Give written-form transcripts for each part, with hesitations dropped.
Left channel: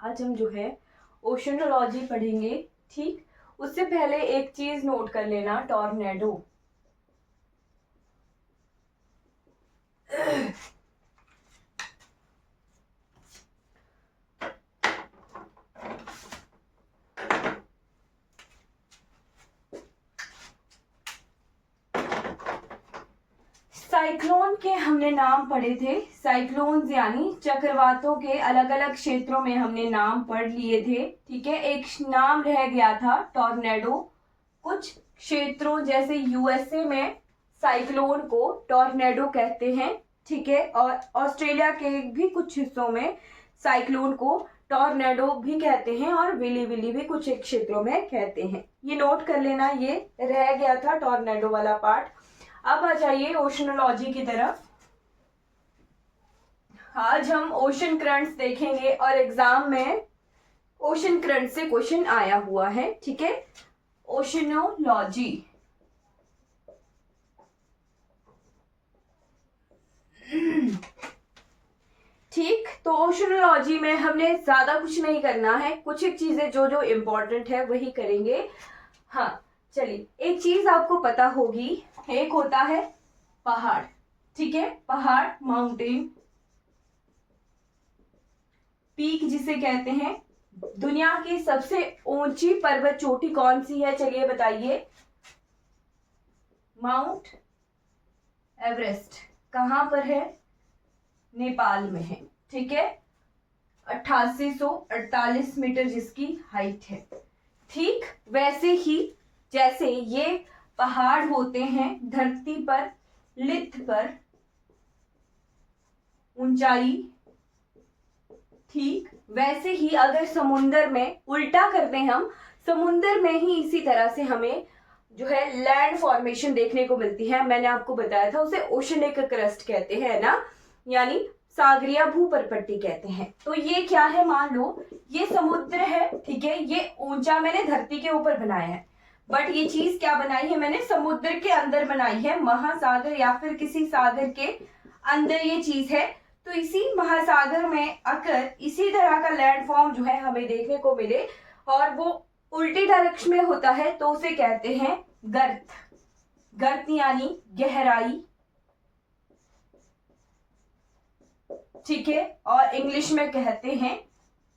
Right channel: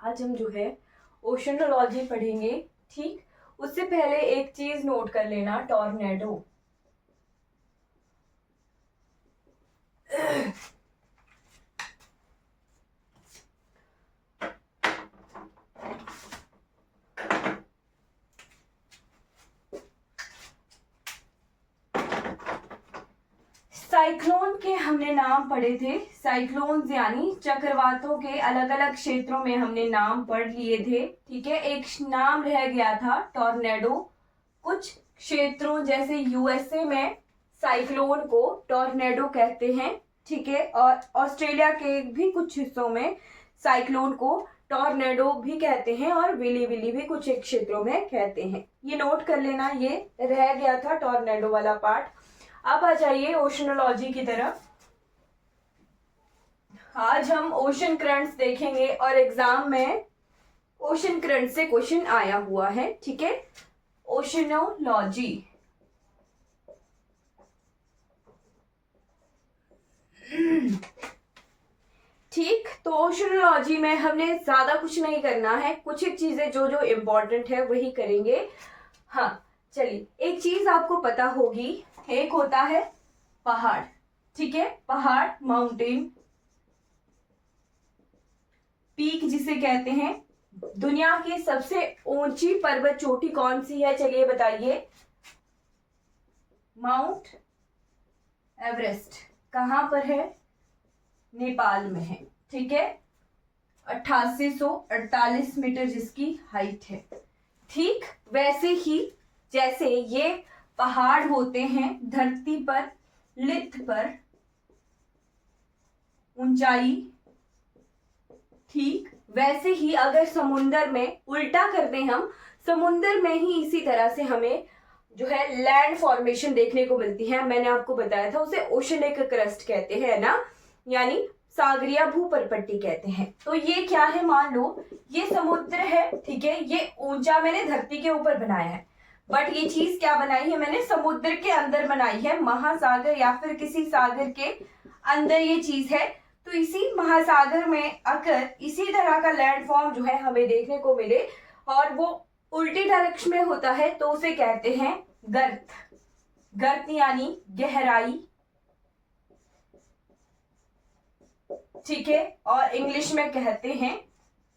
आज हम जो है ओशनोलॉजी पढ़ेंगे। ठीक, उससे पहले एक चीज नोट कर लेना, टॉर्नेडो। साइक्लोन के हमने नाम पढ़े थे। साइक्लोन्स यानी चक्रवातों के अलग अलग क्षेत्रों में हमने नाम पढ़ लिए थे। ठीक है, एक नाम रह गया था टॉर्नेडो। कुछ क्षेत्रों जैसे यूएसए में साइक्लोन को टॉर्नेडो कहते हैं। ठीक है, और ऑस्ट्रेलिया के भी कुछ हिस्सों में साइक्लोन को टॉर्नेडो भी कहते हैं और विली विली भी कुछ एक क्षेत्रों में कहते हैं। ये नोट कर लेना, ये रह गया था टॉर्नेडो वाला पार्ट। अब आ जाइए ओशनोलॉजी की तरफ। आज हम ओशन करंट्स देखेंगे और एग्जाम में ओशन करंट से क्वेश्चन आया हुआ है। ठीक है, ओशनोलॉजी। ठीक, तो ओशनोलॉजी में हमने ज्यादा कुछ नहीं करना है, कुछ एक चीजें जो जो इम्पोर्टेंट है वही करेंगे। हाँ चलिए, एक चीज आपको पता होगी, एक होता है पहाड़। ठीक है, पहाड़, माउंटेन, पीक जिसे कहते हैं। दुनिया की सबसे ऊंची पर्वत चोटी कौन सी है, चलिए बताइए। Mount Everest. कहां पर है? नेपाल में है। ठीक है, 8848 मीटर जिसकी हाइट है। ठीक, वैसे ही जैसे ये पहाड़ होते हैं धरती पर, लिथ पर ऊंचाई, ठीक वैसे ही अगर समुंदर में उल्टा कर दें हम, समुंदर में ही इसी तरह से हमें जो है लैंड फॉर्मेशन देखने को मिलती है। मैंने आपको बताया था उसे ओशनिक क्रस्ट कहते हैं ना, यानी सागरीय भूपरपट्टी कहते हैं। तो ये क्या है, मान लो ये समुद्र है। ठीक है, ये ऊंचा मैंने धरती के ऊपर बनाया है, बट ये चीज क्या बनाई है मैंने, समुद्र के अंदर बनाई है, महासागर या फिर किसी सागर के अंदर ये चीज है। तो इसी महासागर में अगर इसी तरह का लैंडफॉर्म जो है हमें देखने को मिले और वो उल्टी डायरेक्शन में होता है तो उसे कहते हैं गर्त। गर्त यानी गहराई। ठीक है, और इंग्लिश में कहते हैं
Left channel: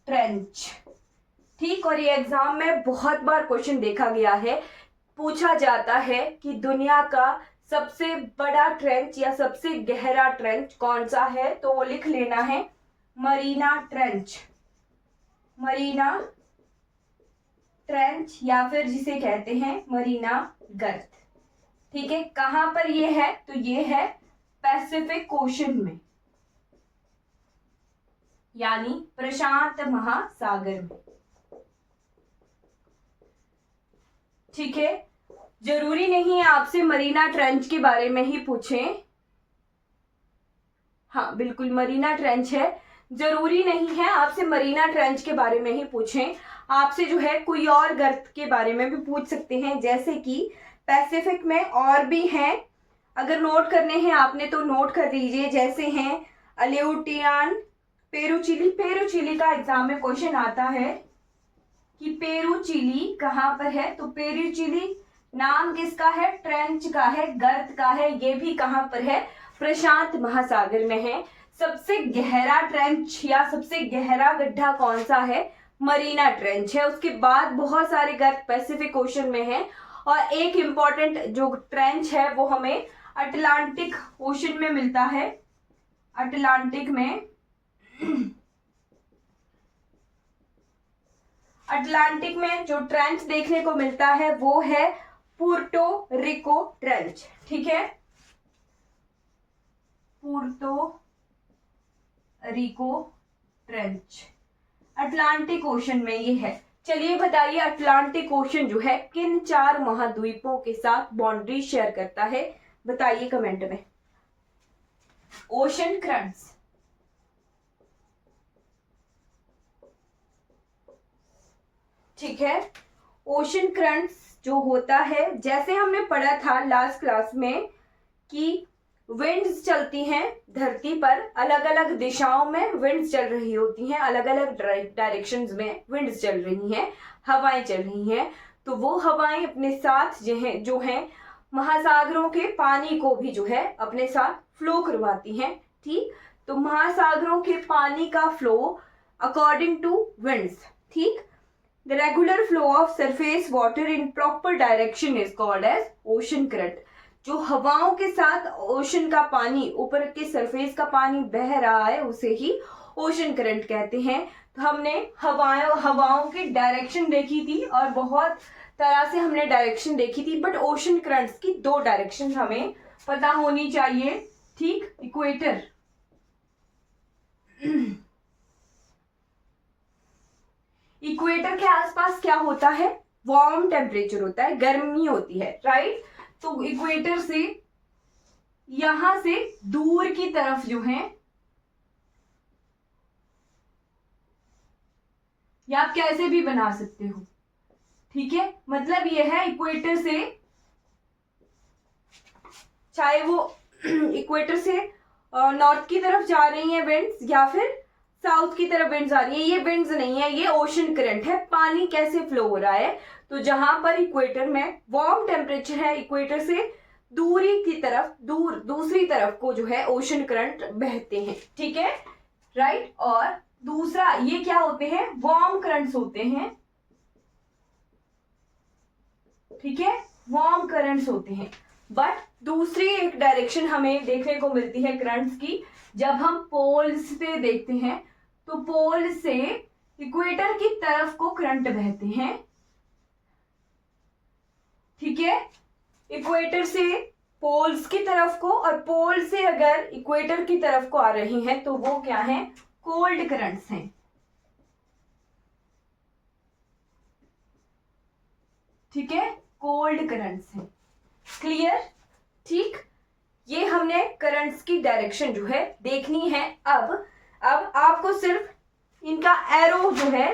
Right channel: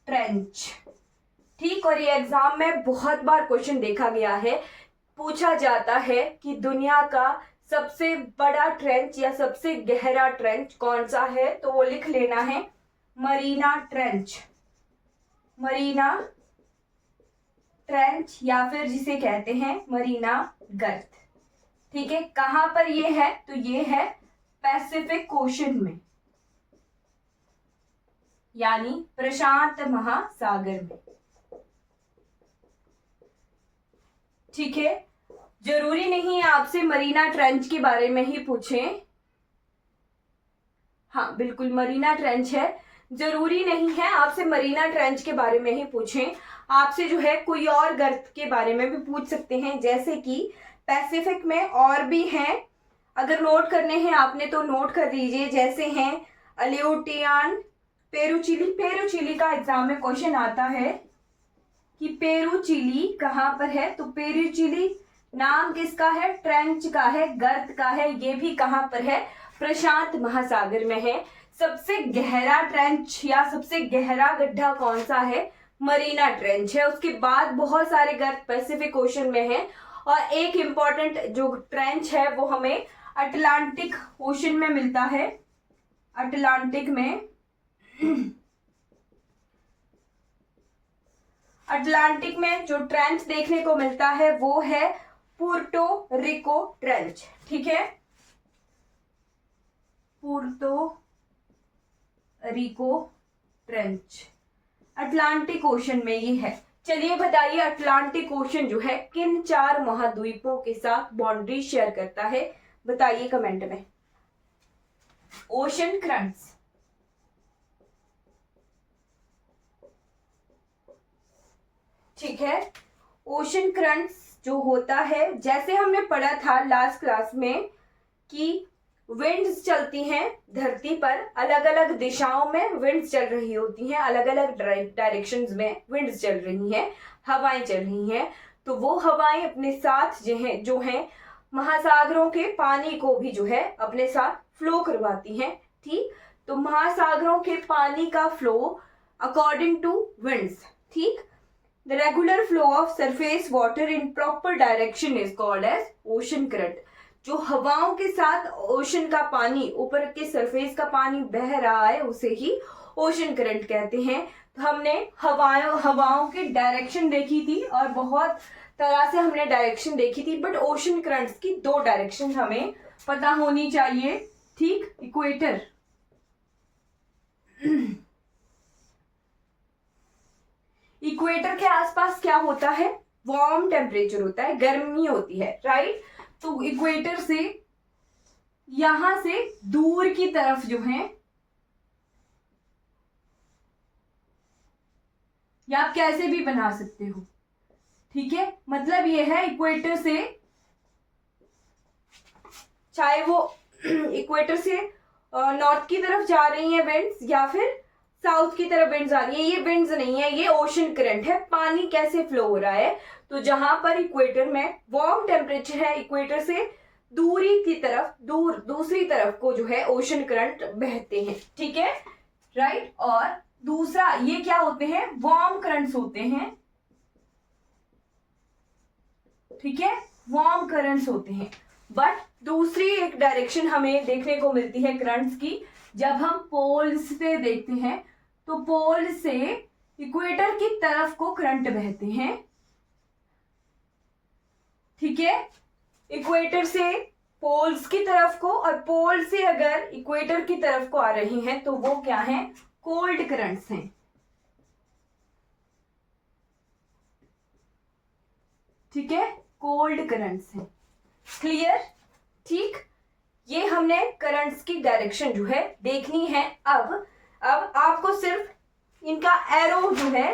ट्रेंच। ठीक, और ये एग्जाम में बहुत बार क्वेश्चन देखा गया है, पूछा जाता है कि दुनिया का सबसे बड़ा ट्रेंच या सबसे गहरा ट्रेंच कौन सा है, तो वो लिख लेना है मरीना ट्रेंच। मरीना ट्रेंच या फिर जिसे कहते हैं मरीना गर्त। ठीक है, कहां पर ये है, तो ये है पैसिफिक ओशन में, यानी प्रशांत महासागर में। ठीक है, जरूरी नहीं है आपसे मरीना ट्रेंच के बारे में ही पूछें। हाँ बिल्कुल, मरीना ट्रेंच है, जरूरी नहीं है आपसे मरीना ट्रेंच के बारे में ही पूछें। आपसे जो है कोई और गर्त के बारे में भी पूछ सकते हैं, जैसे कि पैसिफिक में और भी हैं, अगर नोट करने हैं आपने तो नोट कर लीजिए। जैसे हैं अलेउटियान, पेरुचिली। पेरुचिली का एग्जाम में क्वेश्चन आता है कि पेरुचिली कहां पर है, तो पेरुचिली नाम किसका है, ट्रेंच का है, गर्त का है। ये भी कहां पर है, प्रशांत महासागर में है। सबसे गहरा ट्रेंच या सबसे गहरा गड्ढा कौन सा है, मरीना ट्रेंच है। उसके बाद बहुत सारे गर्त पैसिफिक ओशन में है, और एक इंपॉर्टेंट जो ट्रेंच है वो हमें अटलांटिक ओशन में मिलता है। अटलांटिक में अटलांटिक में जो ट्रेंच देखने को मिलता है वो है पुर्टो रिको ट्रेंच। ठीक है, पुर्तो रिको ट्रेंच अटलांटिक ओशन में ये है। चलिए बताइए, अटलांटिक ओशन जो है किन 4 महाद्वीपों के साथ बाउंड्री शेयर करता है, बताइए कमेंट में। ओशन करंट्स, ठीक है, ओशन करंट्स जो होता है, जैसे हमने पढ़ा था लास्ट क्लास में कि विंड्स चलती हैं धरती पर, अलग अलग दिशाओं में विंड्स चल रही होती हैं, अलग अलग डायरेक्शंस में विंड्स चल रही हैं, हवाएं चल रही हैं। तो वो हवाएं अपने साथ जो है महासागरों के पानी को भी जो है अपने साथ फ्लो करवाती हैं। ठीक, तो महासागरों के पानी का फ्लो अकॉर्डिंग टू विंड्स। ठीक, the regular flow of surface water in proper direction is called as ocean current. जो हवाओं के साथ ओशन का पानी, ऊपर के सरफेस का पानी बह रहा है, उसे ही ओशन करंट कहते हैं। तो हमने हवाओं की डायरेक्शन देखी थी और बहुत तरह से हमने डायरेक्शन देखी थी, बट ओशन करंट्स की दो डायरेक्शन हमें पता होनी चाहिए। ठीक, इक्वेटर इक्वेटर के आसपास क्या होता है? वार्म टेम्परेचर होता है, गर्मी होती है, राइट। तो इक्वेटर से यहां से दूर की तरफ जो है, या आप कैसे भी बना सकते हो, ठीक है। मतलब ये है इक्वेटर से, चाहे वो इक्वेटर से नॉर्थ की तरफ जा रही है विंड्स या फिर साउथ की तरफ विंड्स आ रही है, ये विंड्स नहीं है, ये ओशन करंट है। पानी कैसे फ्लो हो रहा है? तो जहां पर इक्वेटर में वार्म टेम्परेचर है, इक्वेटर से दूरी की तरफ, दूसरी तरफ को जो है ओशन करंट बहते हैं, ठीक है, राइट। और दूसरा ये क्या होते हैं? वार्म करंट्स होते हैं, ठीक है, वार्म करंट्स होते हैं। बट दूसरी एक डायरेक्शन हमें देखने को मिलती है करंट्स की, जब हम पोल्स से देखते हैं तो पोल से इक्वेटर की तरफ को करंट बहते हैं, ठीक है, इक्वेटर से पोल्स की तरफ को, और पोल से अगर इक्वेटर की तरफ को आ रही हैं तो वो क्या है? कोल्ड करंट्स हैं, ठीक है, कोल्ड करंट्स हैं। क्लियर? ठीक, ये हमने करंट्स की डायरेक्शन जो है देखनी है। अब आपको सिर्फ इनका एरो जो है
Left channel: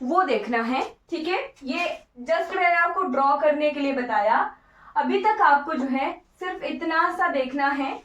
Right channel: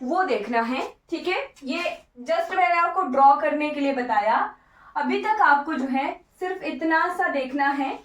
वो देखना है, ठीक है। ये जस्ट मैंने आपको ड्रॉ करने के लिए बताया। अभी तक आपको जो है सिर्फ इतना सा देखना है।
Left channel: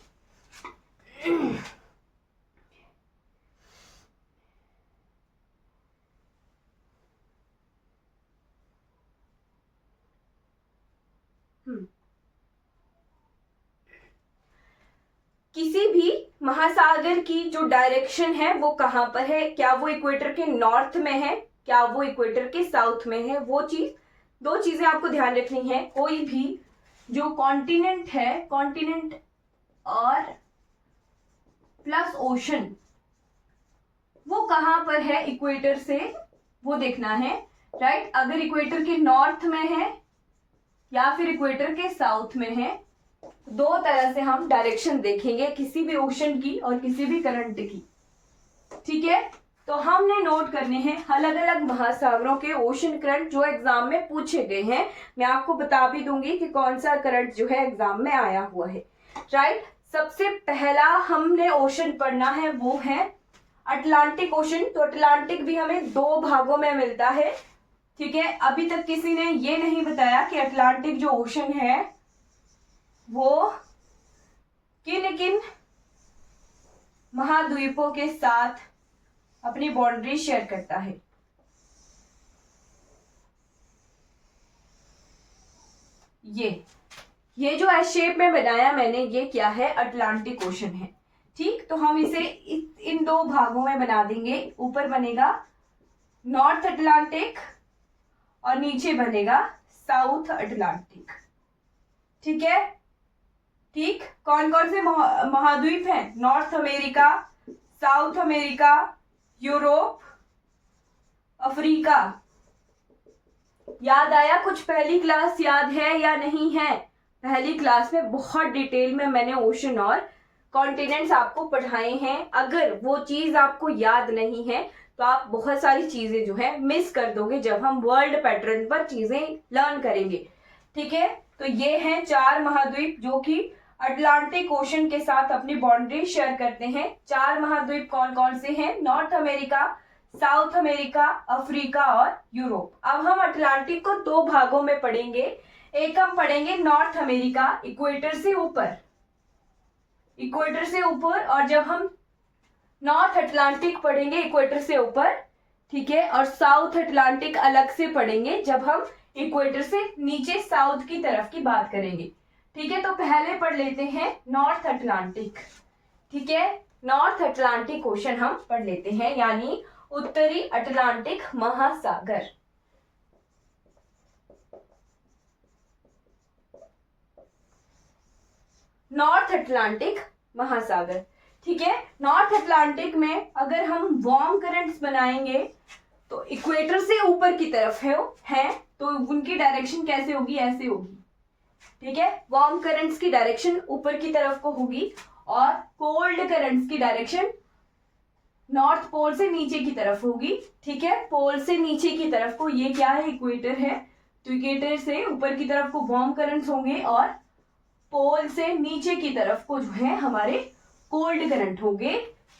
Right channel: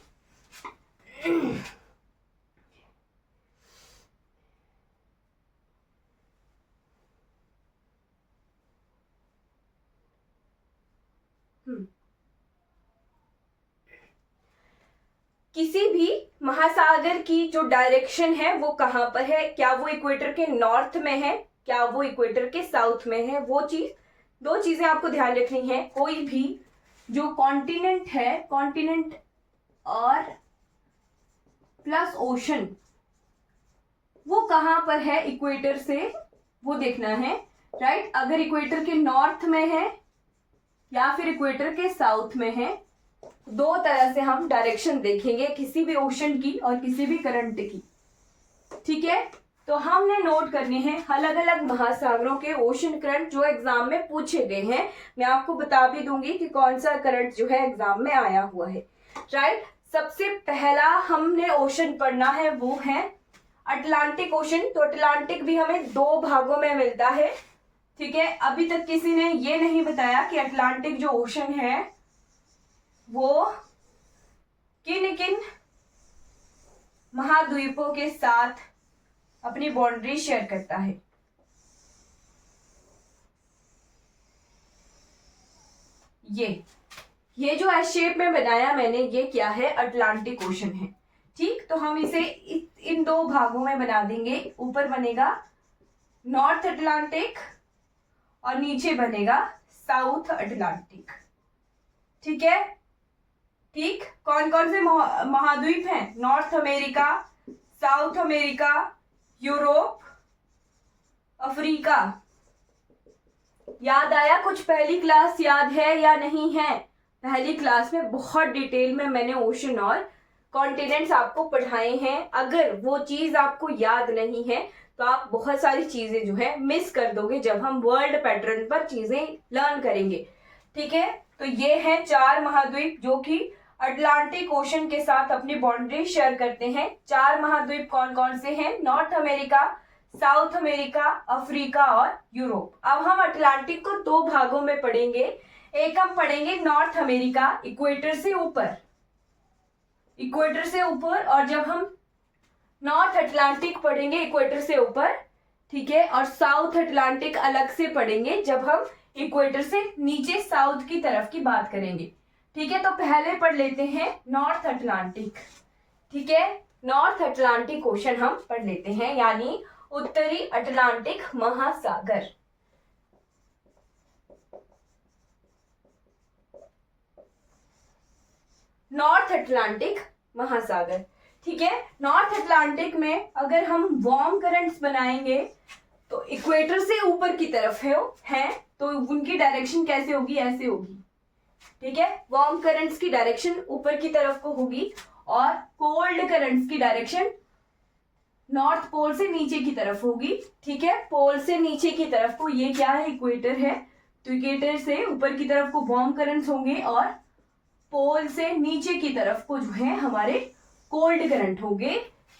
किसी भी महासागर की जो डायरेक्शन है वो कहां पर है? क्या वो इक्वेटर के नॉर्थ में है, क्या वो इक्वेटर के साउथ में है? वो चीज, दो चीजें आपको ध्यान रखनी है। कोई भी जो कॉन्टिनेंट है, कॉन्टिनेंट और प्लस ओशन, वो कहां पर है इक्वेटर से, वो देखना है, राइट। अगर इक्वेटर के नॉर्थ में है या फिर इक्वेटर के साउथ में है, दो तरह से हम डायरेक्शन देखेंगे किसी भी ओशन की और किसी भी करंट की, ठीक है। तो हमने नोट करने हैं अलग अलग महासागरों के ओशन करंट जो एग्जाम में पूछे गए हैं। मैं आपको बता भी दूंगी कि कौन सा करंट जो है एग्जाम में आया हुआ है, राइट। सबसे पहला हमने ओशन पढ़ना है वो है अटलांटिक ओशन। तो अटलांटिक भी हमें दो भागों में मिलता है, ठीक है। अभी तक किसी ने ये नहीं बताया कि अटलांटिक जो ओशन है वो किन किन महाद्वीपों के साथ अपनी बाउंड्री शेयर करता है। ये जो एस शेप में बनाया मैंने, ये क्या है? अटलांटिक ओशन है, ठीक। तो हम इसे इन दो भागों में बना देंगे। ऊपर बनेगा नॉर्थ अटलांटिक और नीचे बनेगा साउथ अटलांटिक, ठीक है। ठीक, कौन कौन से महाद्वीप हैं? North America, south America, Europe, Africa. याद आया कुछ? पहली क्लास याद है या नहीं है? पहली क्लास में बहुत डिटेल में मैंने ओशन और कॉन्टिनेंट्स आपको पढ़ाए हैं। अगर वो चीज आपको याद नहीं है तो आप बहुत सारी चीजें जो है मिस कर दोगे जब हम वर्ल्ड पैटर्न पर चीजें लर्न करेंगे, ठीक है। तो ये है 4 महाद्वीप जो कि अटलांटिक ओशन के साथ अपनी बाउंड्री शेयर करते हैं। 4 महाद्वीप कौन कौन से हैं? North America, south America, Africa और यूरोप। अब हम अटलांटिक को दो भागों में पढ़ेंगे। एक हम पढ़ेंगे नॉर्थ अमेरिका, इक्वेटर से ऊपर, इक्वेटर से ऊपर, और जब हम नॉर्थ अटलांटिक पढ़ेंगे इक्वेटर से ऊपर, ठीक है, और साउथ अटलांटिक अलग से पढ़ेंगे जब हम इक्वेटर से नीचे साउथ की तरफ की बात करेंगे। ठीक है, तो पहले पढ़ लेते हैं नॉर्थ अटलांटिक। ठीक है, नॉर्थ अटलांटिक ओशन हम पढ़ लेते हैं, यानी उत्तरी अटलांटिक महासागर। नॉर्थ अटलांटिक महासागर, ठीक है। नॉर्थ अटलांटिक में अगर हम वार्म करंट्स बनाएंगे तो इक्वेटर से ऊपर की तरफ है तो उनकी डायरेक्शन कैसे होगी, ऐसे होगी। ठीक है, वार्म करंट्स की डायरेक्शन ऊपर की तरफ को होगी और कोल्ड करंट्स की डायरेक्शन नॉर्थ पोल से नीचे की तरफ होगी। ठीक है, पोल से नीचे की तरफ को, ये क्या है, इक्वेटर है, तो इक्वेटर से ऊपर की तरफ को वार्म करंट्स होंगे और पोल से नीचे की तरफ को जो है हमारे कोल्ड करंट होंगे।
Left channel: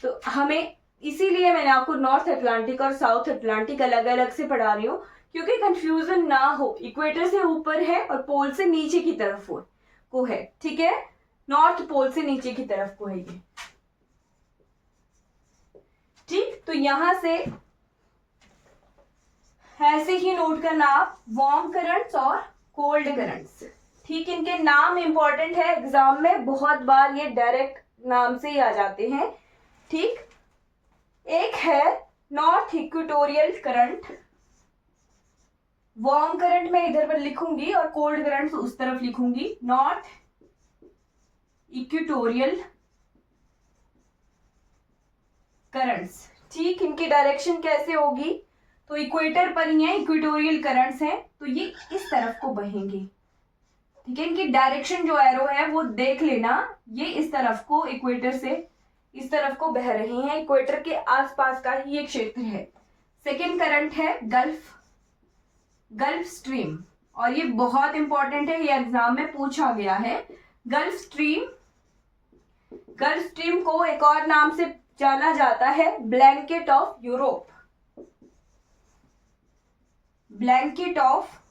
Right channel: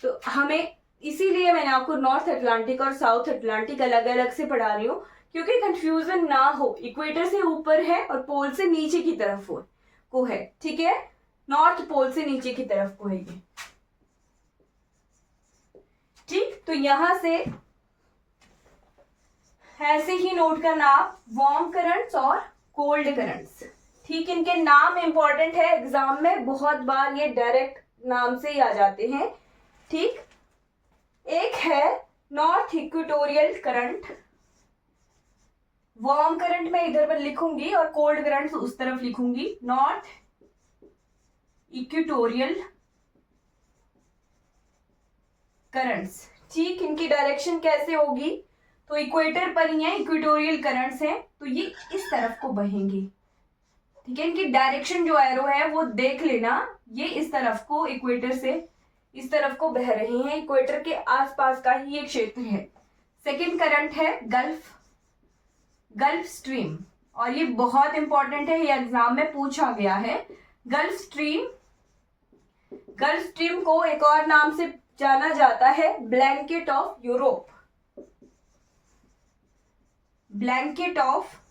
तो हमें, इसीलिए मैंने आपको नॉर्थ अटलांटिक और साउथ अटलांटिक अलग अलग से पढ़ा रही हूँ, क्योंकि कंफ्यूजन ना हो। इक्वेटर से ऊपर है और पोल से नीचे की तरफ को है। ठीक है, नॉर्थ पोल से नीचे की तरफ को है ये। ठीक, तो यहां से ऐसे ही नोट करना आप, वार्म करंट्स और कोल्ड करंट्स। ठीक, इनके नाम इंपॉर्टेंट है, एग्जाम में बहुत बार ये डायरेक्ट नाम से ही आ जाते हैं। ठीक, एक है north equatorial current, warm current मैं इधर पर लिखूंगी और कोल्ड करंट उस तरफ लिखूंगी। नॉर्थ इक्वेटोरियल करंट्स, ठीक, इनकी डायरेक्शन कैसे होगी, तो इक्वेटर पर ही है, इक्वेटोरियल करंट्स हैं, तो ये इस तरफ को बहेंगे। ठीक है, इनकी डायरेक्शन जो एरो है वो देख लेना, ये इस तरफ को, इक्वेटर से इस तरफ को बह रही हैं, इक्वेटर के आसपास का ही एक क्षेत्र है। सेकंड करंट है गल्फ स्ट्रीम, और ये बहुत इंपॉर्टेंट है, ये एग्जाम में पूछा गया है। गल्फ स्ट्रीम को एक और नाम से जाना जाता है blanket of Europe, blanket of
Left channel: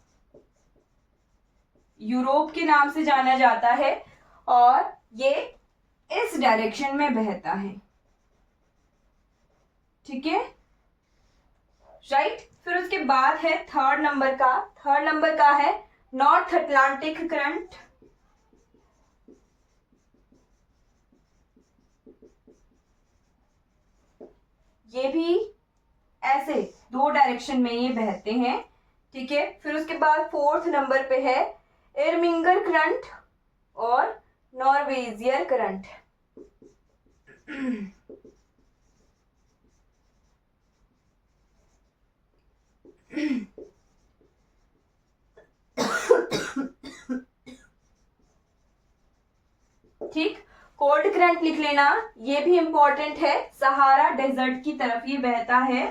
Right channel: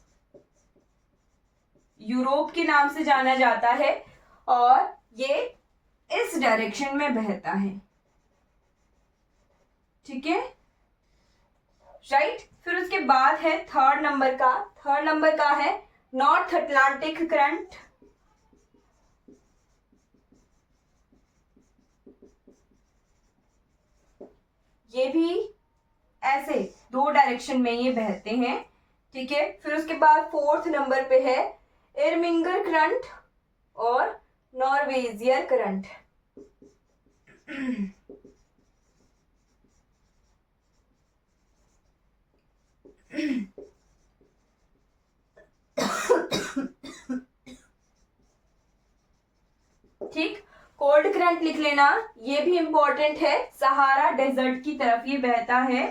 Europe के नाम से जाना जाता है, और ये इस डायरेक्शन में बहता है। ठीक है, राइट। फिर उसके बाद है थर्ड नंबर का है नॉर्थ अटलांटिक करंट। ये भी ऐसे दो डायरेक्शन में ये बहते हैं। ठीक है, फिर उसके बाद फोर्थ नंबर पे है इरमिंगर करंट और नॉर्वेजियर करंट। ठीक, कोल्ड करंट लिख लेना, ये भी इंपॉर्टेंट है, सहारा डेजर्ट की तरफ ये बहता है,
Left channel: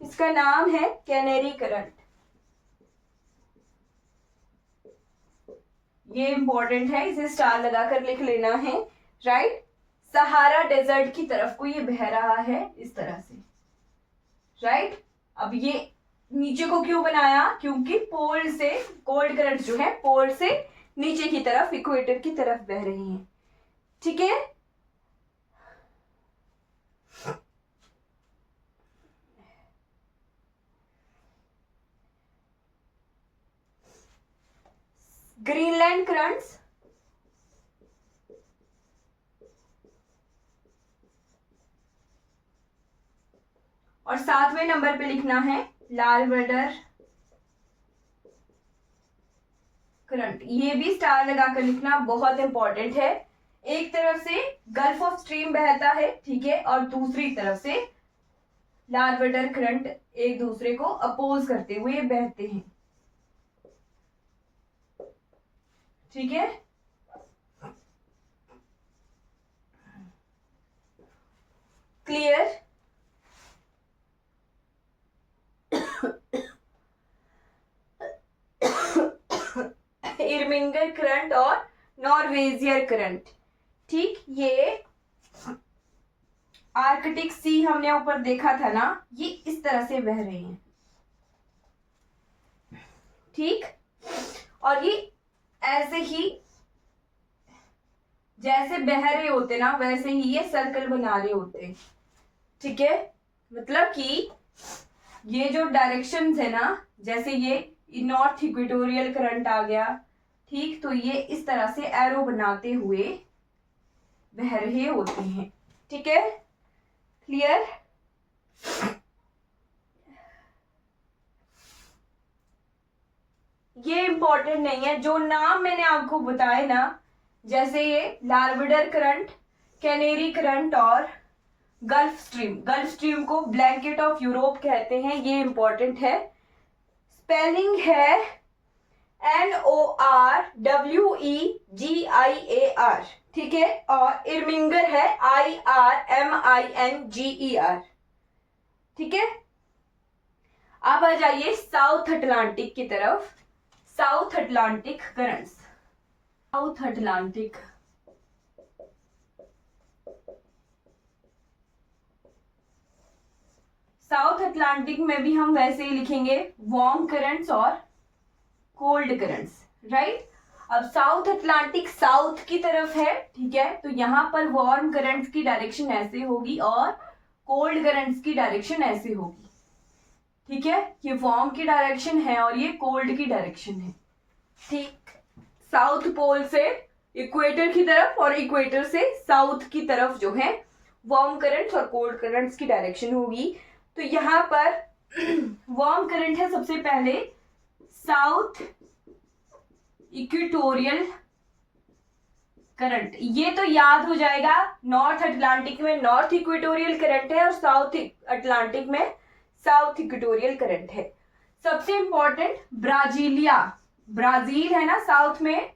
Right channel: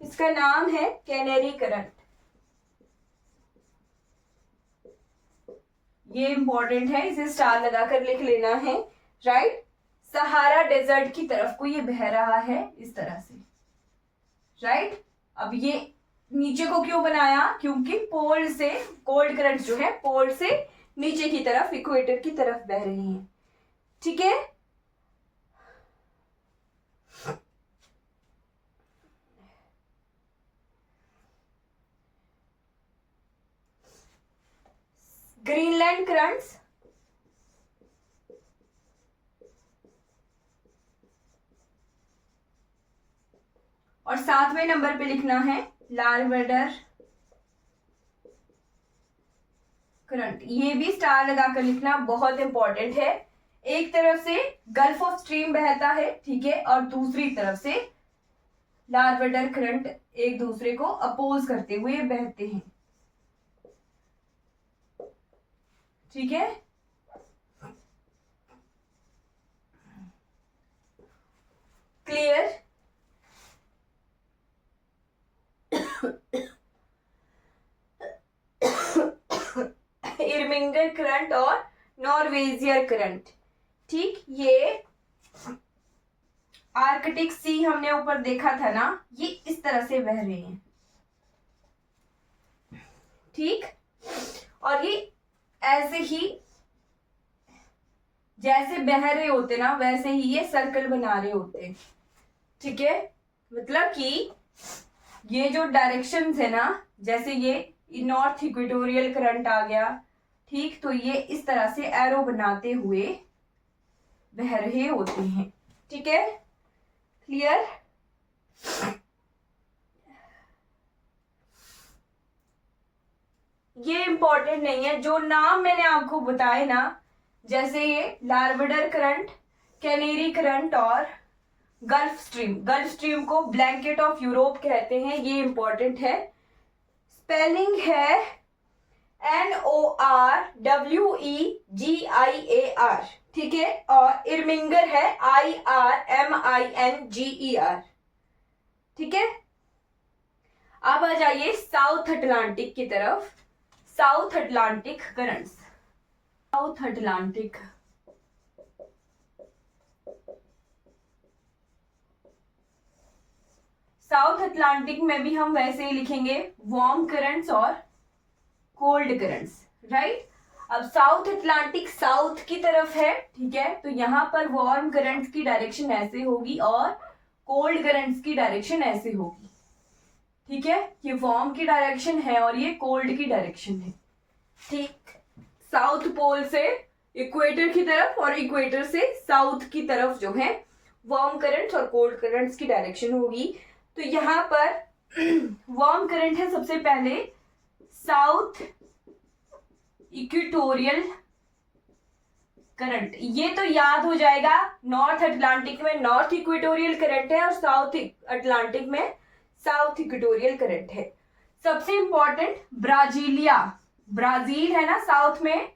इसका नाम है कैनेरी करंट। ये इंपॉर्टेंट है, इसे स्टार लगाकर लिख लेना है, राइट। सहारा डेजर्ट की तरफ को ये बह रहा है इस तरह से, राइट। अब ये नीचे को क्यों बनाया, क्योंकि पोल से कोल्ड करंट जो है पोल से नीचे की तरफ, इक्वेटर की तरफ बह रही हैं। ठीक है, ग्रीनलैंड करंट्स, और 7वें नंबर पे लिखना है लारवेडर करंट। ये भी स्टार लगाकर लिखना, बहुत इंपॉर्टेंट है। एक तरफ से गल्फ ऑफ स्ट्रीम बहता है, ठीक है, और दूसरी तरफ से लारवेडर करंट एक दूसरे को अपोज करते हुए बहते हैं। ठीक है, क्लियर। इरमिंगर करंट और नॉर्वेजियर करंट। ठीक, ये आर्कटिक सी हमने ऊपर देखा था ना, ये इस तरह से बह रहे हैं। ठीक, और ये ऐसे ही जैसे बह रहे होते ना वैसे ही ये सर्कल बना रहे होते। ठीक है, मतलब कि ये जो डायरेक्शंस है ना, जैसे ये नॉर्थ इक्वेटोरियल करंट आ गया, ठीक, तो ये इस तरह से एरो बनाते हुए बह रहे होते हैं। ठीक है, क्लियर। ये इंपॉर्टेंट नहीं है, जो नाम मैंने आपको बताए ना, जैसे ये लार्बडर करंट, कैनेरी करंट और गल्फ स्ट्रीम। गल्फ स्ट्रीम को ब्लैंकेट ऑफ यूरोप कहते हैं, ये इंपॉर्टेंट है। स्पेलिंग है NORWEGIAR, ठीक है, और इर्मिंगर है IRMINGER। ठीक है, अब आ जाइए साउथ अटलांटिक की तरफ। South Atlantic currents, south Atlantic, south Atlantic में भी हम वैसे ही लिखेंगे वार्म करंट्स और कोल्ड करंट्स, राइट। अब साउथ अटलांटिक साउथ की तरफ है, ठीक है, तो यहाँ पर वार्म करंट्स की डायरेक्शन ऐसे होगी और कोल्ड करंट्स की डायरेक्शन ऐसे होगी। ठीक है, ये वार्म की डायरेक्शन है और ये कोल्ड की डायरेक्शन है। ठीक, साउथ पोल से इक्वेटर की तरफ और इक्वेटर से साउथ की तरफ जो है वार्म करंट्स और कोल्ड करंट्स की डायरेक्शन होगी। तो यहाँ पर वार्म करंट है सबसे पहले साउथ इक्वेटोरियल करंट। ये तो याद हो जाएगा, नॉर्थ अटलांटिक में नॉर्थ इक्वेटोरियल करंट है और साउथ अटलांटिक में साउथ इक्वेटोरियल करंट है। सबसे इंपॉर्टेंट ब्राजीलिया, ब्राजील है ना साउथ में,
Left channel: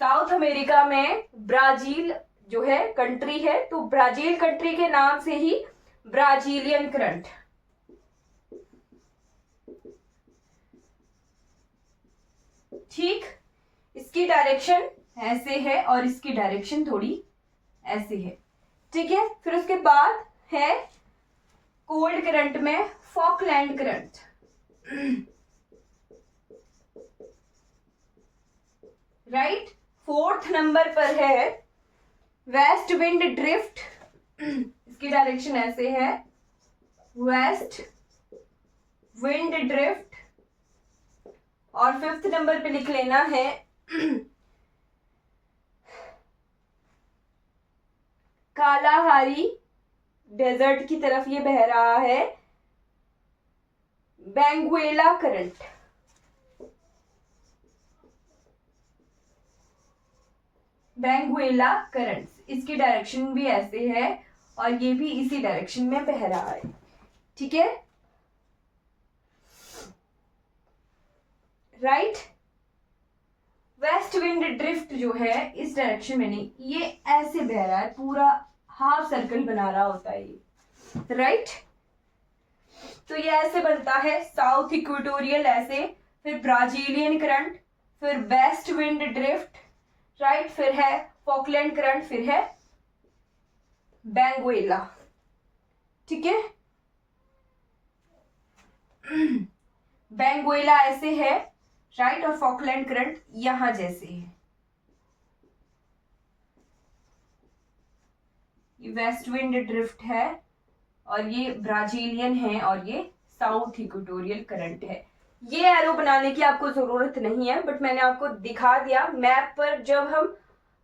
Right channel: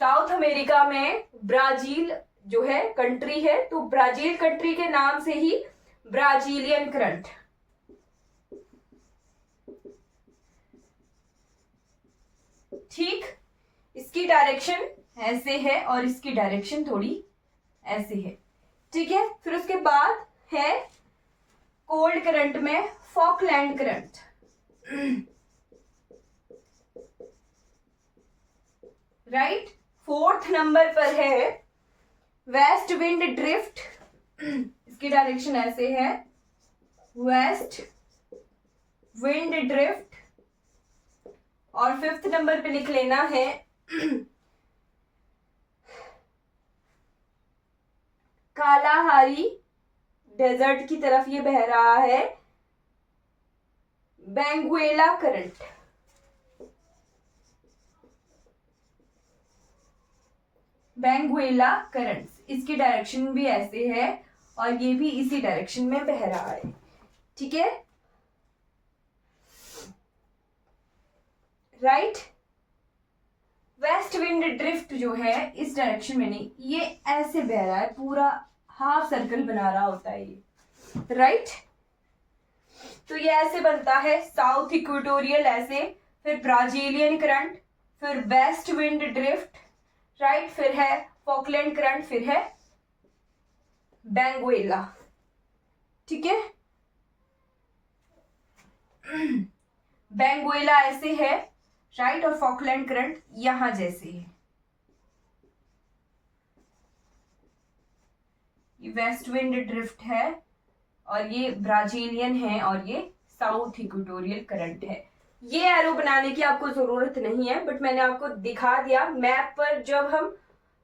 साउथ अमेरिका में ब्राजील जो है कंट्री है, तो ब्राजील कंट्री के नाम से ही ब्राजीलियन करंट। ठीक, इसकी डायरेक्शन ऐसे है और इसकी डायरेक्शन थोड़ी ऐसे है। ठीक है, फिर उसके बाद है कोल्ड करंट में Falkland current. Right, fourth number पर है वेस्ट विंड ड्रिफ्ट। इसकी डायरेक्शन ऐसे है, वेस्ट विंड ड्रिफ्ट। और फिफ्थ नंबर पे लिख लेना है कालाहारी डेजर्ट की तरफ ये बह रहा है बेंगुएला करंट। बेंगुएला करंट, इसकी डायरेक्शन भी ऐसे है और ये भी इसी डायरेक्शन में बह रहा है। ठीक है, राइट। वेस्ट विंड ड्रिफ्ट जो है इस डायरेक्शन में नहीं, ये ऐसे बह रहा है, पूरा हाफ सर्कल बना रहा होता है ये, राइट। तो ये ऐसे बनता है साउथ इक्वेटोरियल ऐसे, फिर ब्राजीलियन करंट, फिर वेस्ट विंड ड्रिफ्ट, राइट, फिर है फॉकलैंड करंट, फिर है बेंगुएला। ठीक है, बेंगुएला ऐसे है, राइट, और फॉकलैंड करंट यहां जैसे है। ये वेस्ट विंड ड्रिफ्ट है और ये ब्राजीलियन है और ये साउथ इक्वेटोरियल करंट है। ये एरो बनाने की आपको जरूरत नहीं है, बट मैंने आपको दिखा दिया। मैप पर जब हम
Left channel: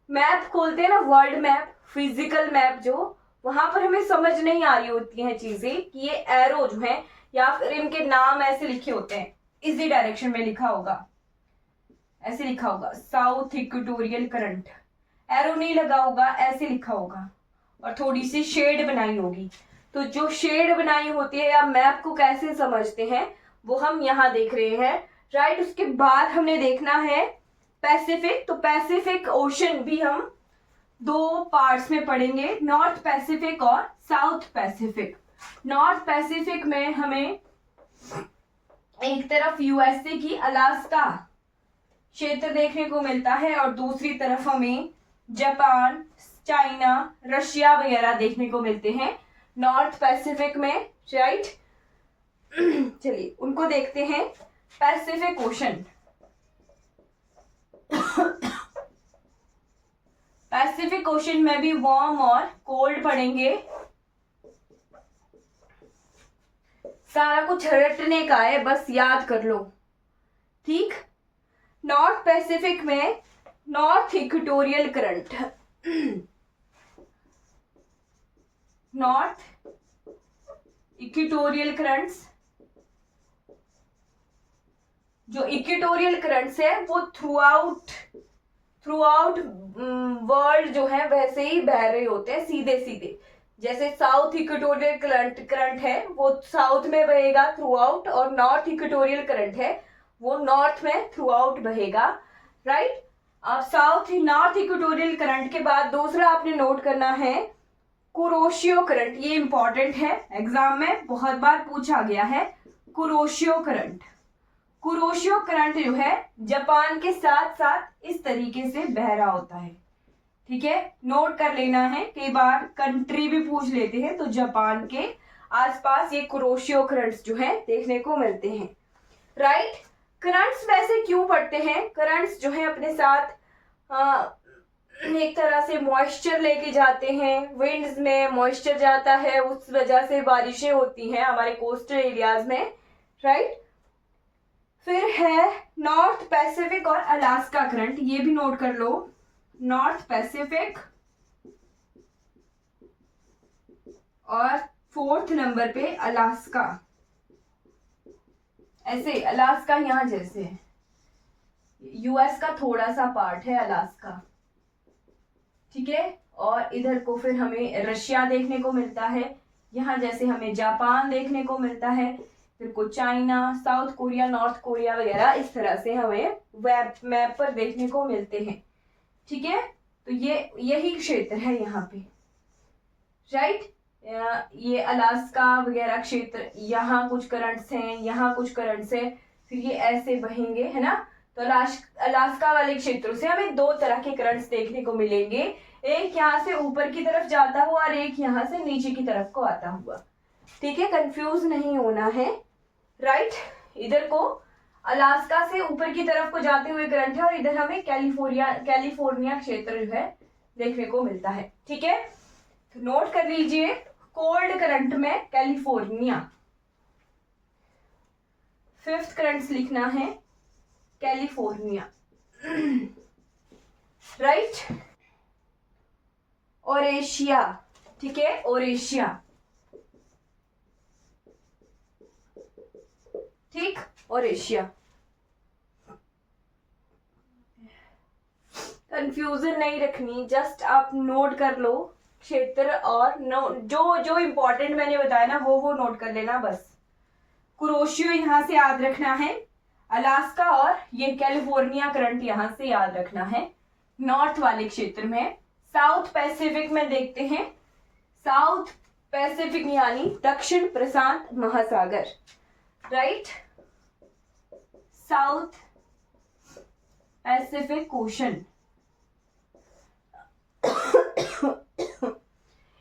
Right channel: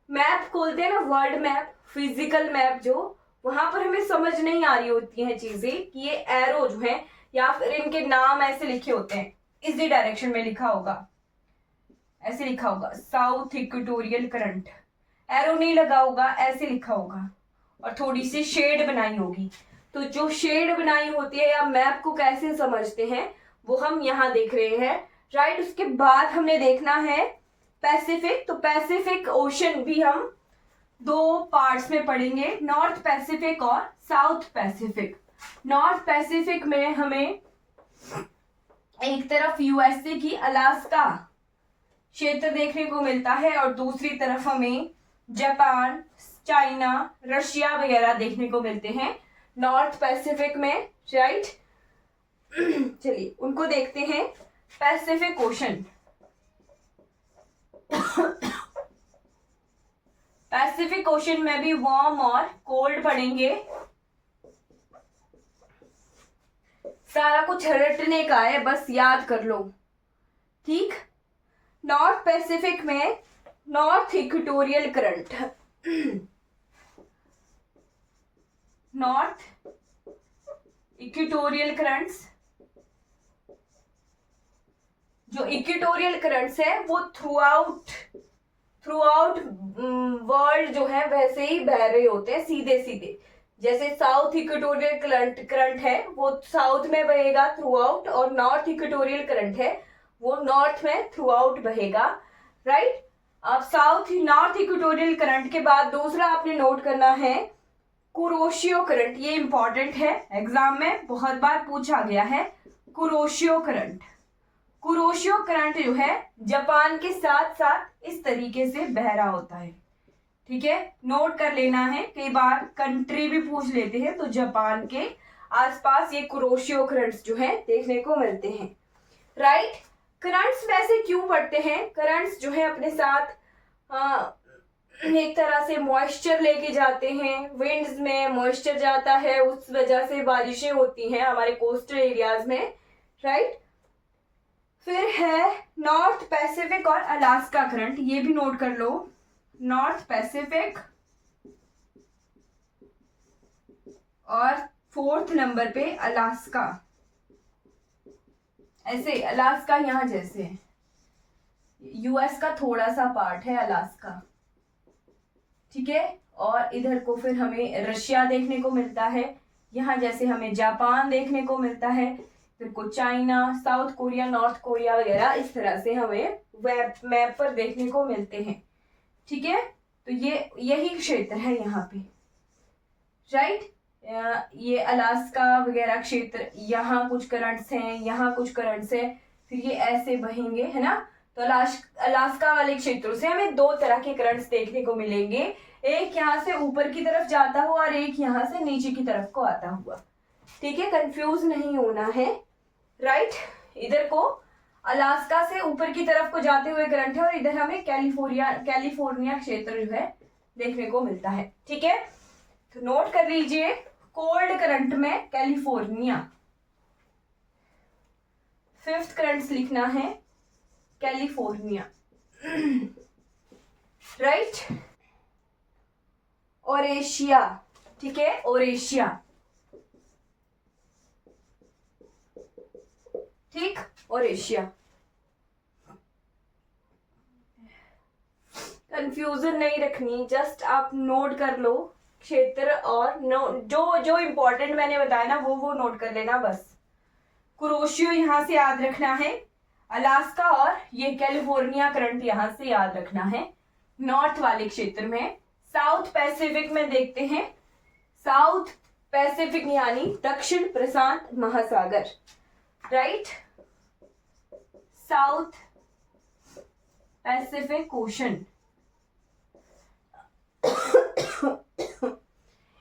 मैप खोलते हैं ना, वर्ल्ड मैप, फिजिकल मैप, जो वहां पर हमें समझ नहीं आ रही होती हैं चीजें कि ये एरो जो है या फिर इनके नाम ऐसे लिखे होते हैं, इसी डायरेक्शन में लिखा होगा, ऐसे लिखा होगा साउथ इक्वेटोरियल करंट, एरो नहीं लगा होगा, ऐसे लिखा होगा और थोड़ी सी शेड बनाई होगी। तो जो शेड बनाई होती है या मैप को कैसे समझते हैं वो हम यहाँ देख रहे हैं, राइट। उसके बाद हमने देखना है पैसिफिक। तो पैसिफिक ओशन भी हम दो पार्ट्स में पढ़ेंगे, नॉर्थ पैसिफिक और साउथ पैसिफिक। नॉर्थ पैसिफिक में हमें एक तरफ यूएसए की अलास्का क्षेत्र देखने को मिलता है और दूसरी तरफ हमें जापान, चाइना, रशिया वगैरह देखने को मिलते हैं नॉर्थ पैसिफिक में, राइट। चलिए उनको देखते हैं। पैसिफिक ओशन पैसिफिक ओशन में भी वार्म और कोल्ड पढ़ेंगे। सारा कुछ रटने का है, बस याद कर लो, ठीक। नॉर्थ पैसिफिक में north equatorial current, north equatorial currents, जो इक्वेटोरियल करंट्स है वो थ्रू आउट वर्ल्ड जो है वैसे ही बह रहे होते हैं सीधे सीधे। जैसे साउथ इक्वेटोरियल करंट है वो साउथ में बहेगा थ्रू आउट, और नॉर्थ इक्वेटोरियल करंट है वो नॉर्थ में थ्रू आउट बहेगा, राइट। अब नॉर्थ इक्वेटोरियल करंट के बाद दूसरा आपने नोट करना है कुरोशियो करंट। ये इंपॉर्टेंट है, एग्जाम में बहुत बार पूछा गया है। कुरोशियो करंट, कुरोशियो करंट जो है जापान के साथ साथ इस तरीके से बह रहा होता है, ठीक है। नोट कर लेना है, कई बार कंट्री भी पूछ लेते हैं, तो जापान के आसपास ये कुरोशियो करंट्स जो है देखने को मिलते हैं, राइट। करंट्स वैसे क्यों पड़ते हैं? करंट्स जो है अपने साथ एक तरह से मॉइस्चर लेके जाते हैं, विंड्स में मॉइस्चर जाता है, उस वजह से बारिशें होती हैं हमारे कोस्टल एरियाज में, राइट। फिर है नॉर्थ पैसिफिक और अलास्का करंट, ये भी नोट कर लो। नॉर्थ पैसिफिक और फोर्थ नंबर पे अलास्का, ऐसे अलास्का यहां जैसे यूएस का थोड़ा सा पार्ट है अलास्का, ठीक है। और इधर को फिर हमें रशिया देखने को मिलता है, यहाँ जैसे हमें जापान देखने को मिलता है, फिर को China, south Korea, north Korea वगैरह इस तरह से हमें मैप पर देखने को मिलते हैं, ठीक है। तो ये यही क्षेत्र है यहाँ पे, राइट। ये अलास्का वगैरह क्षेत्र, यहाँ कुछ करंट्स हैं, यहाँ कुछ करंट्स हैं, फिर ये ऐसे बहेंगे, है ना। तो अलास्का वाले क्षेत्रों से हमें दो तरह के करंट्स देखने को मिलेंगे, एक यहाँ से ऊपर की तरफ जाता हुआ और एक यहाँ से नीचे की तरफ को आता हुआ, ठीक है। कंफ्यूज नहीं होना है, राइट। इधर को अलास्का से ऊपर की तरफ को जाते हुए करंट है और इधर हमें कैलिफोर्निया क्षेत्र जो है देखने को मिलता है, ठीक है। तो नोट कर लीजिए, कोल्ड करंट में कैलिफोर्निया, फिफ्थ करंट्स लिखना है कैलिफोर्निया, राइट। और एशिया, ठीक है, और एशिया, ठीक, और एशिया। कंफ्यूजन नहीं रखनी, जस्ट आप नोट कर लो क्षेत्र, और जो इंपॉर्टेंट मैंने बताया ना वो नोट कर लेना बस। कुरोशियो यहां से याद रखना है, अलास्का और ये कैलिफोर्निया करंट यहां से याद रखना है नॉर्थ वाले क्षेत्र में। साउथ पैसिफिक में देखते हैं, साउथ पैसिफिक यानी दक्षिण प्रशांत महासागर, राइट। साउथ पैसिफिक ओशन,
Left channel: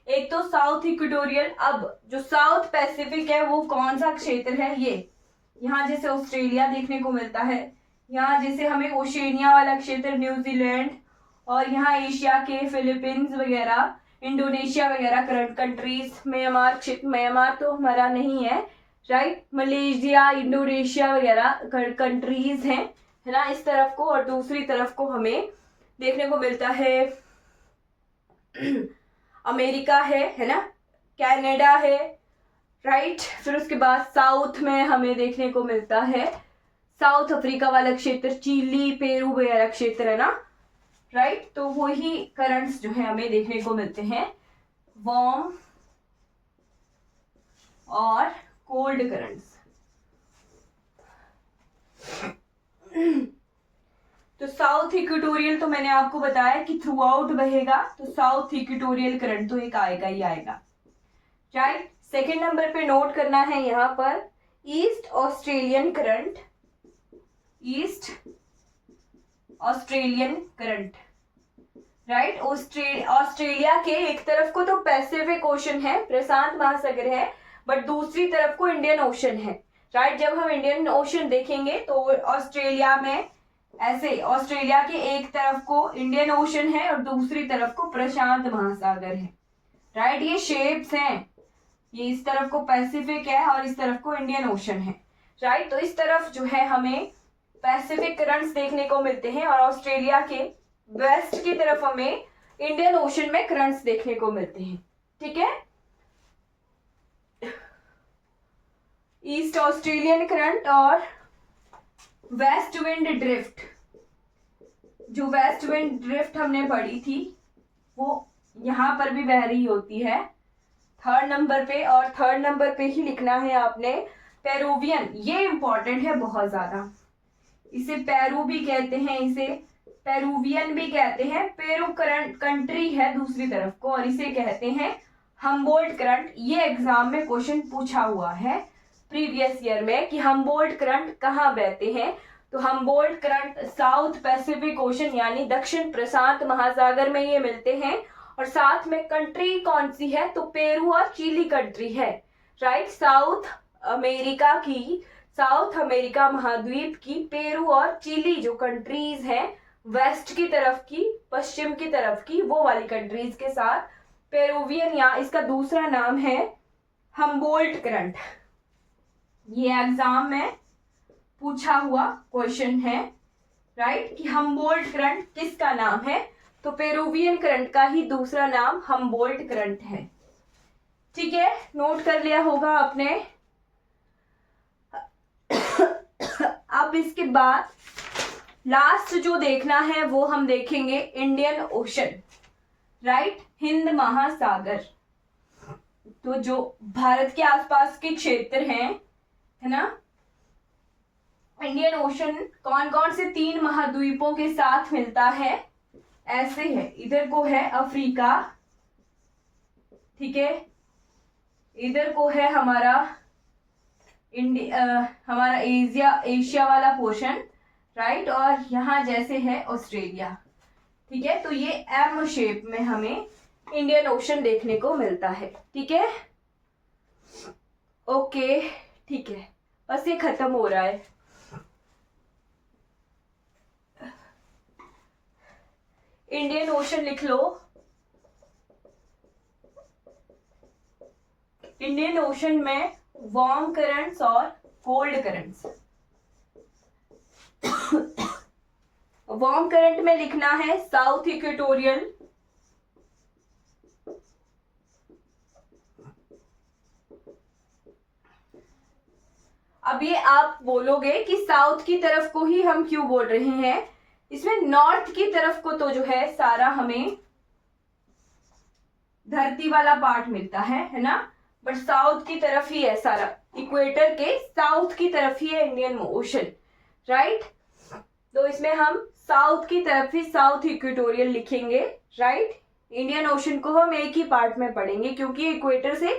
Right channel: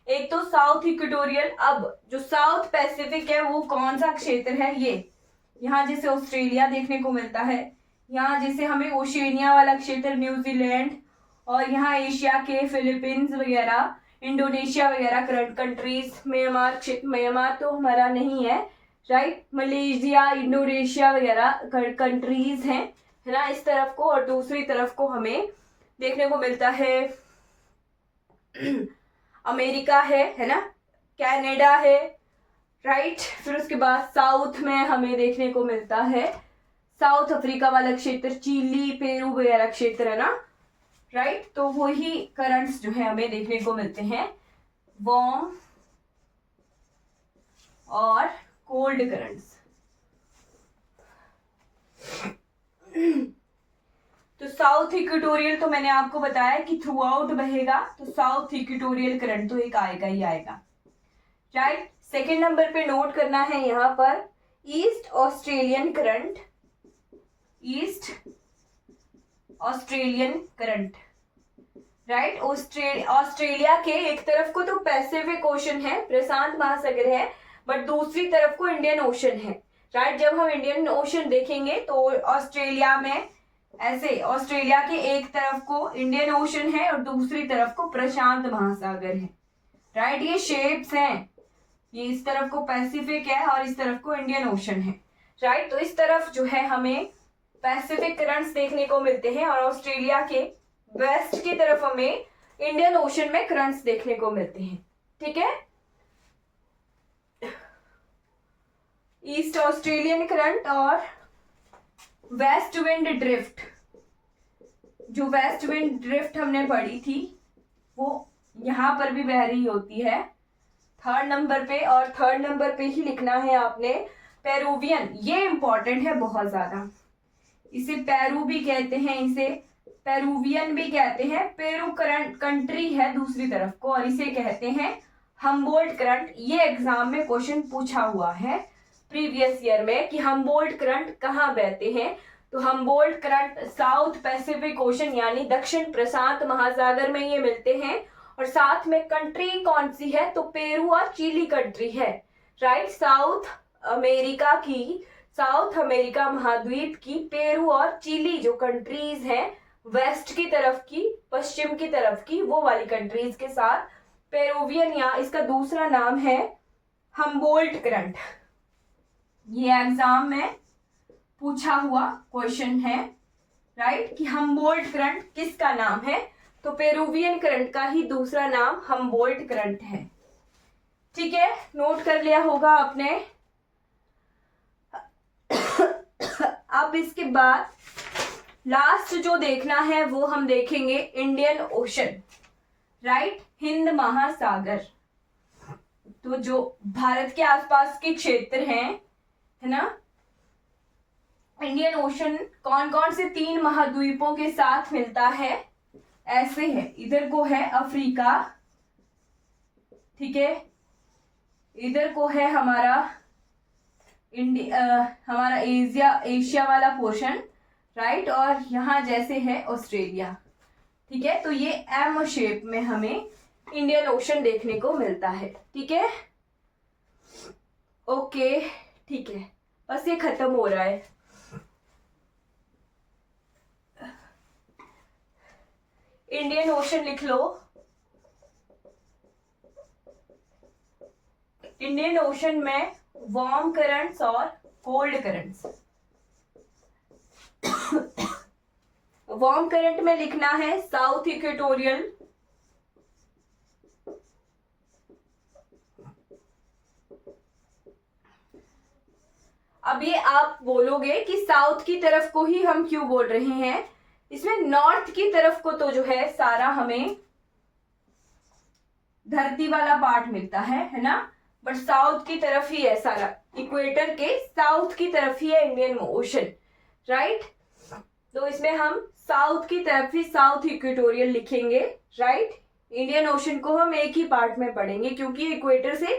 एक तो साउथ इक्वेटोरियल। अब जो साउथ पैसिफिक है वो कौन सा क्षेत्र है? ये यहाँ जैसे ऑस्ट्रेलिया देखने को मिलता है, यहाँ जैसे हमें ओशिनिया वाला क्षेत्र न्यूजीलैंड, और यहाँ एशिया के फिलीपींस वगैरह, इंडोनेशिया वगैरह कंट्रीज, म्यांमार तो हमारा नहीं है, राइट। मलेशिया, इंडोनेशिया वगैरह कंट्रीज हैं, है ना, इस तरफ को। और दूसरी तरफ को हमें देखने को मिलता है अमेरिका है ना, कनाडा है, राइट। फिर उसके बाद साउथ में हमें देखने को मिलता है साउथ अफ्रीका वाला क्षेत्र, चिली, पेरू वगैरह क्षेत्र, है ना, राइट। तो वही करंट्स जो है हमें देखने को मिलते हैं, वार्म और कोल्ड करंट्स। तो साउथ इक्वेटोरियल तो मैंने आपको बताया कि थ्रू आउट बहेगा, तो साउथ इक्वेटोरियल करंट तो एक आएगा ही आएगा, राइट। सेकेंड नंबर पे नोट करना है यहाँ पर east Australian current, east Australian current, right. Australia के एक तरफ को तो पैसिफिक ओशन है, प्रशांत महासागर है, बट दूसरी तरफ को इंडियन ओशन है, राइट। जब हम इंडियन ओशन देखेंगे तो ऑस्ट्रेलिया में ऐसे ऑस्ट्रेलिया के एक तरफ को इंडियन ओशन है और दूसरी तरफ को प्रशांत महासागर है, राइट। ये शेप्स हैं, ये इस तरफ को पैसिफिक है और इस तरफ को इंडियन ओशन है, राइट। तो इस तरफ जो है हमें पैसिफिक करंट्स देखने को मिलते हैं और ऑस्ट्रेलिया के वेस्ट की तरफ हमें इंडियन ओशन में करंट्स देखने को मिलते हैं, ठीक है। ईस्ट ऑस्ट्रेलियन करंट और वेस्ट विंड ड्रिफ्ट, जो वेस्ट विंड ड्रिफ्ट हमने पढ़ी थी वो यहां पर भी बह रही होती है 3rd नंबर पे, और 3rd नंबर पे ही लिखना है आपने पेरुवियन। ये इंपॉर्टेंट है बहुत ज्यादा, इसे पेरू भी कहते हैं, इसे पेरुवियन भी कहते हैं। पेरू करंट कंट्री है दूसरी तरफ को और इसे कहते हैं हम्बोल्ट करंट। ये एग्जाम में क्वेश्चन पूछा हुआ है प्रीवियस ईयर में कि हम्बोल्ट करंट कहाँ बहते हैं। तो Humboldt current south Pacific ocean यानी दक्षिण प्रशांत महासागर में ये मिलते हैं। और साथ में कंट्री कौन सी है, तो पेरू और चिली कंट्री है, राइट। साउथ अमेरिका महाद्वीप की पेरू और चिली जो कंट्रीज हैं वेस्ट की तरफ की, पश्चिम की तरफ की, वो वाली कंट्रीज के साथ पेरुवियन, या इसका दूसरा नाम है हम्बोल्ट करंट। ये एग्जाम में पूछा हुआ क्वेश्चन है, राइट, कि हम्बोल्ट करंट किसका नाम है, तो पेरुवियन करंट का ही दूसरा नाम हम्बोल्ट करंट है, ठीक है। नोट कर लिया होगा आपने। अब इसके बाद लास्ट जो देखना है वो हम देखेंगे इंडियन ओशन, राइट, हिंद महासागर। तो जो भारत के आसपास के क्षेत्र हैं, है ना, इंडियन ओशन कौन कौन से 3 महाद्वीपों के साथ मिलता है, ऐसे है। इधर को है अफ्रीका, ठीक है, इधर को है हमारा हमारा एशिया वाला पोर्शन, राइट, और यहाँ जैसे है ऑस्ट्रेलिया, ठीक है। तो ये एम शेप में हमें इंडियन ओशन देखने को मिलता है, ठीक है। ओके, ठीक है, बस ये खत्म हो रहा है। इंडियन ओशन लिख लो। इंडियन ओशन में वार्म करंट्स और कोल्ड करंट्स। वार्म करंट में लिखना है साउथ इक्वेटोरियल, अब ये आप बोलोगे कि साउथ की तरफ को ही हम क्यों बोल रहे हैं, इसमें नॉर्थ की तरफ को तो जो है सारा हमें धरती वाला पार्ट मिलता है ना, बट साउथ की तरफ ही है सारा, इक्वेटर के साउथ की तरफ ही है इंडियन ओशन, राइट। तो इसमें हम साउथ की तरफ ही साउथ इक्वेटोरियल लिखेंगे, राइट। इंडियन ओशन को हम एक ही पार्ट में पढ़ेंगे क्योंकि इक्वेटर से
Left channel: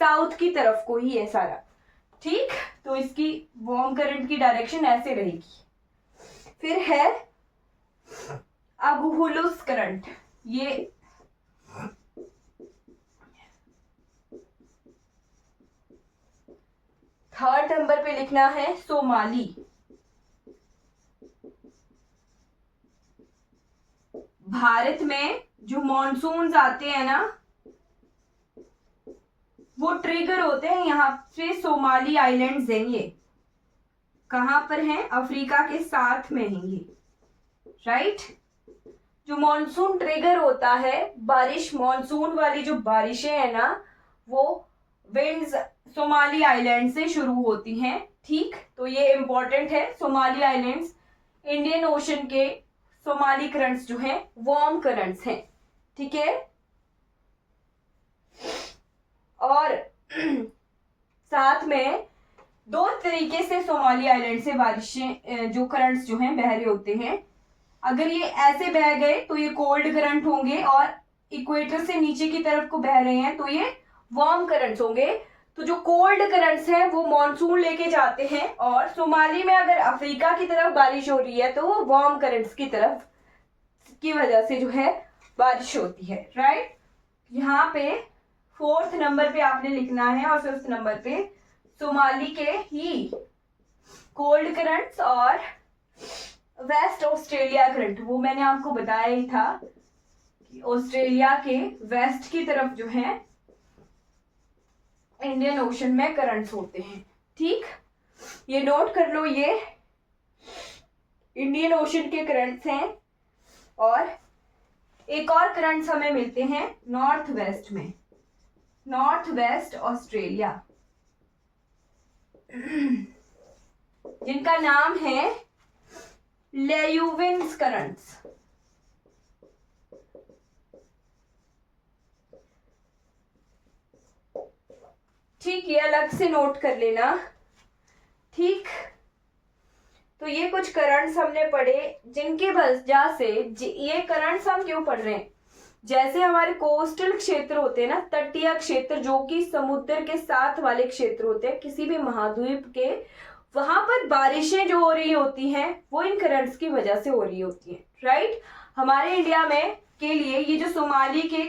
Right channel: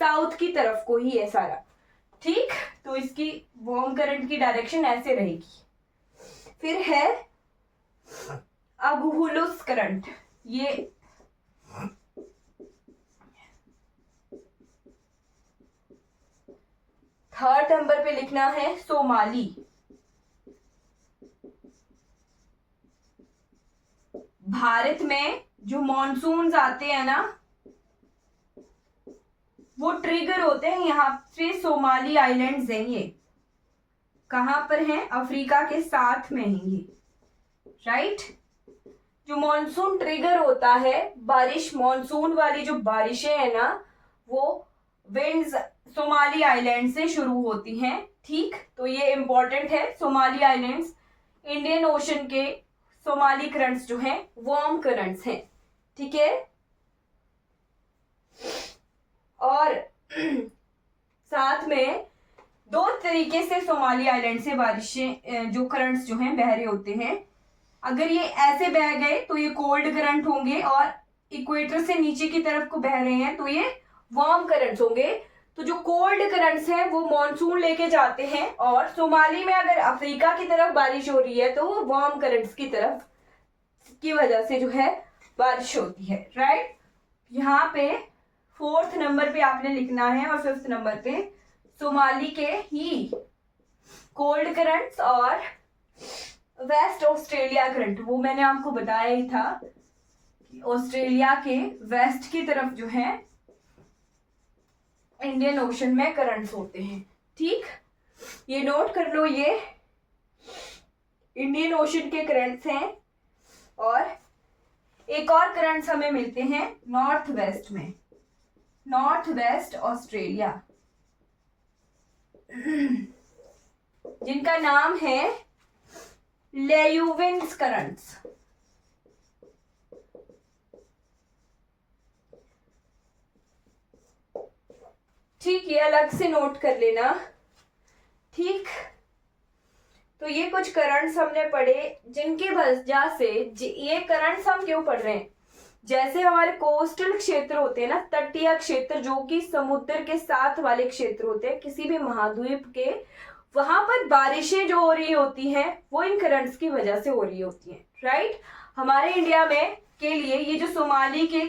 साउथ की तरफ को ही है सारा, ठीक। तो इसकी वार्म करंट की डायरेक्शन ऐसे रहेगी। फिर है अगुहुलुस करंट, ये थर्ड नंबर पे लिखना है सोमाली। भारत में जो मॉनसून्स आते हैं ना वो ट्रिगर होते हैं यहाँ से सोमाली आइलैंड्स हैं, ये कहां पर हैं, अफ्रीका के साथ में हैं ये, राइट। जो मॉनसून ट्रिगर होता है, बारिश, मॉनसून वाली जो बारिशें हैं ना वो विंड्स सोमाली आइलैंड से शुरू होती हैं, ठीक। तो ये इंपॉर्टेंट है, सोमाली आइलैंड्स इंडियन ओशन के सोमाली करंट्स जो हैं वार्म करंट्स हैं, ठीक है। और साथ में 2 तरीके से सोमाली आइलैंड से बारिशें जो करंट्स जो हैं बह रहे होते हैं। अगर ये ऐसे बह गए तो ये कोल्ड करंट होंगे, और इक्वेटर से नीचे की तरफ को बह रहे हैं तो ये वार्म करंट्स होंगे। तो जो कोल्ड करंट्स हैं वो मॉनसून लेके जाते हैं, और सोमाली में अगर अफ्रीका की तरफ बारिश हो रही है तो वो वार्म करंट्स की तरफ की वजह से जो है बारिश होती है, राइट। यहाँ पे 4th नंबर पे आपने लिखना है और 5th नंबर पे सोमाली के ही कोल्ड करंट्स और वेस्ट ऑस्ट्रेलिया करंट, वो मैंने आपको बताया ही था कि ऑस्ट्रेलिया के वेस्ट की तरफ जो है इंडियन ओशन में करंट्स होते हैं। ठीक, ये नोट कर लो, ये इंडियन ओशन के करंट्स हैं। और एक और करंट्स हमें मिलते हैं नॉर्थ वेस्ट में, नॉर्थ वेस्ट ऑस्ट्रेलिया, जिनका नाम है लेयूविन्स करंट्स। ठीक, ये अलग से नोट कर लेना। ठीक, तो ये कुछ करंट्स हमने पढ़े जिनकी वजह से ये करंट्स हम क्यों पढ़ रहे हैं, जैसे हमारे कोस्टल क्षेत्र होते हैं ना, तटीय क्षेत्र जो कि समुद्र के साथ वाले क्षेत्र होते हैं किसी भी महाद्वीप के, वहां पर बारिशें जो हो रही होती हैं वो इन करंट्स की वजह से हो रही होती हैं। राइट, हमारे इंडिया में के लिए ये जो सोमाली के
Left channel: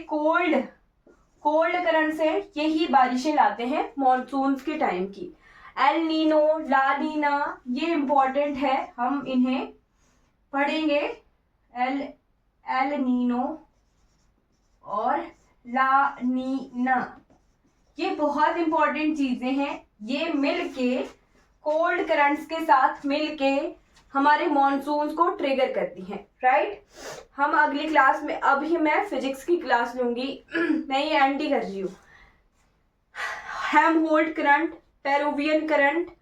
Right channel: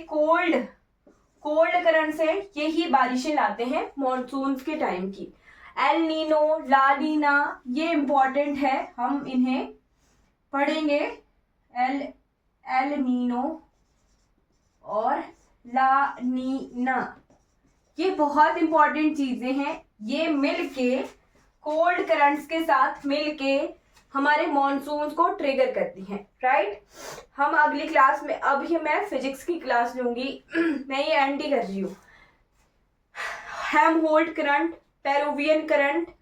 कोल्ड करंट्स हैं यही बारिशें लाते हैं मॉनसून के टाइम की। एल नीनो, ला नीना, ये इंपॉर्टेंट है, हम इन्हें पढ़ेंगे। एल नीनो और ला नीना, ये बहुत इंपॉर्टेंट चीजें हैं। ये मिलके कोल्ड करंट्स के साथ मिलके हमारे मॉनसून को ट्रिगर करती हैं। राइट, हम अगली क्लास में, अभी मैं फिजिक्स की क्लास लूंगी मैं ये एंडी कर रही हूँ। Helmholtz current, Peruvian current,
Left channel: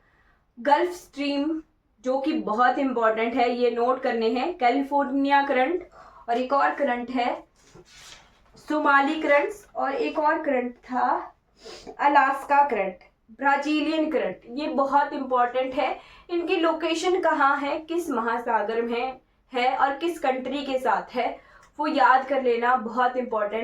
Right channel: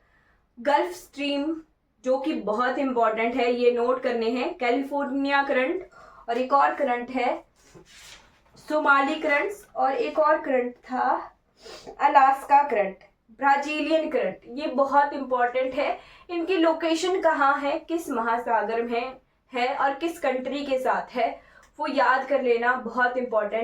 gulf stream जो कि बहुत इंपॉर्टेंट है, ये नोट करने हैं, कैलिफोर्निया करंट, और एक और करंट है सोमाली करंट्स, और एक और करंट था अलास्का करंट, ब्राजीलियन करंट। ये बहुत इंपॉर्टेंट है, इनकी लोकेशन कहाँ है, किस महासागर में है और किस कंट्री के साथ है, वो याद कर लेना, बहुत इंपॉर्टेंट।